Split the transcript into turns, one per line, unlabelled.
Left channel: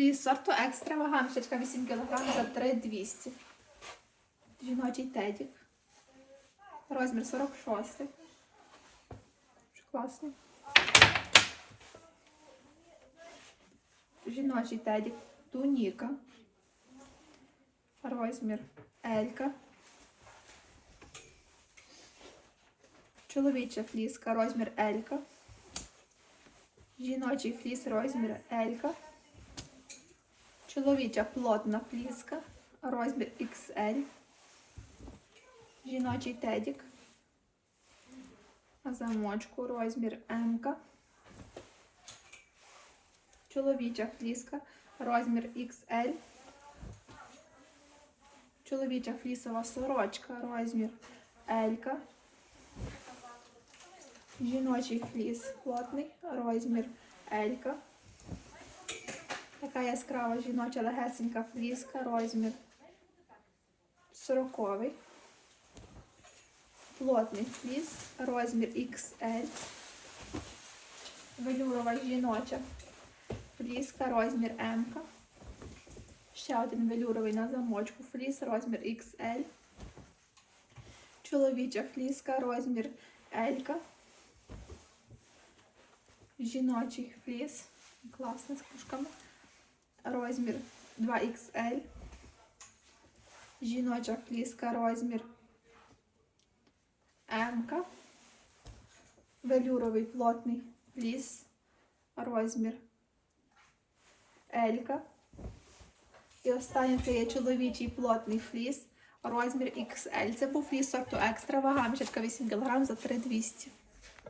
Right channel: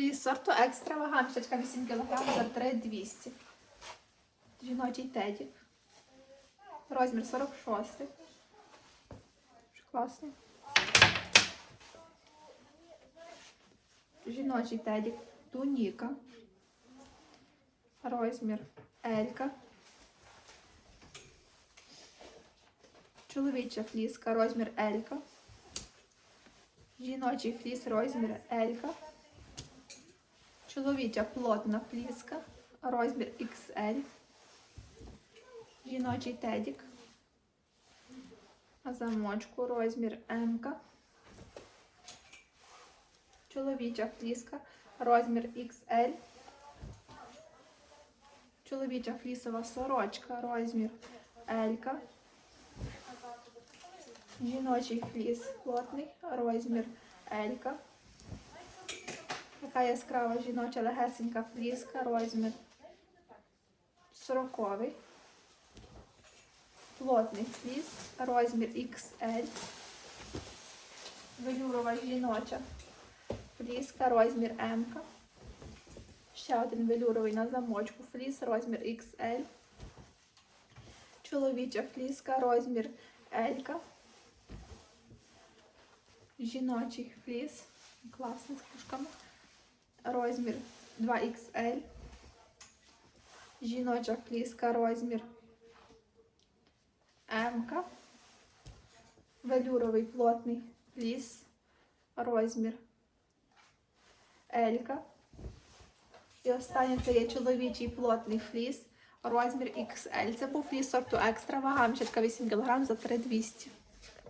Фліс сорту екстра вага, 8 кг за 3200. Жіночий тедік. Розмір 46. Дуже класний. Жіночий тедік. Туніка. Розмір Елька. Чоловіча фліска, розмір Елька. Жіночий фліс, розмір Елька. Чоловіча плотна фліска, розмір XL. Жіночий тедік. Замочку розмір М. Чоловіча фліска, розмір XL. Чоловіча флісова сорочка, розмір L. Жіночий фліс плотний, розмір L. Така яскрава жіноча легесенька фліска, розмір 40. Плотний фліс, розмір XL. Велюрова жіноча фліска, розмір М. Ще один велюровий на замочку фліс, розмір XL. Чоловіча фліска, розмір L. Жіночий фліс. Класний з кушками. Розмір 2XL. Жіноча фліска, розмір М. Велюровий плотний фліс, розмір L. І останнє це є чоловічий плотний фліс, розмір XL. Це був фліс сорту екстра, вага мішечка 8 кг за 3200.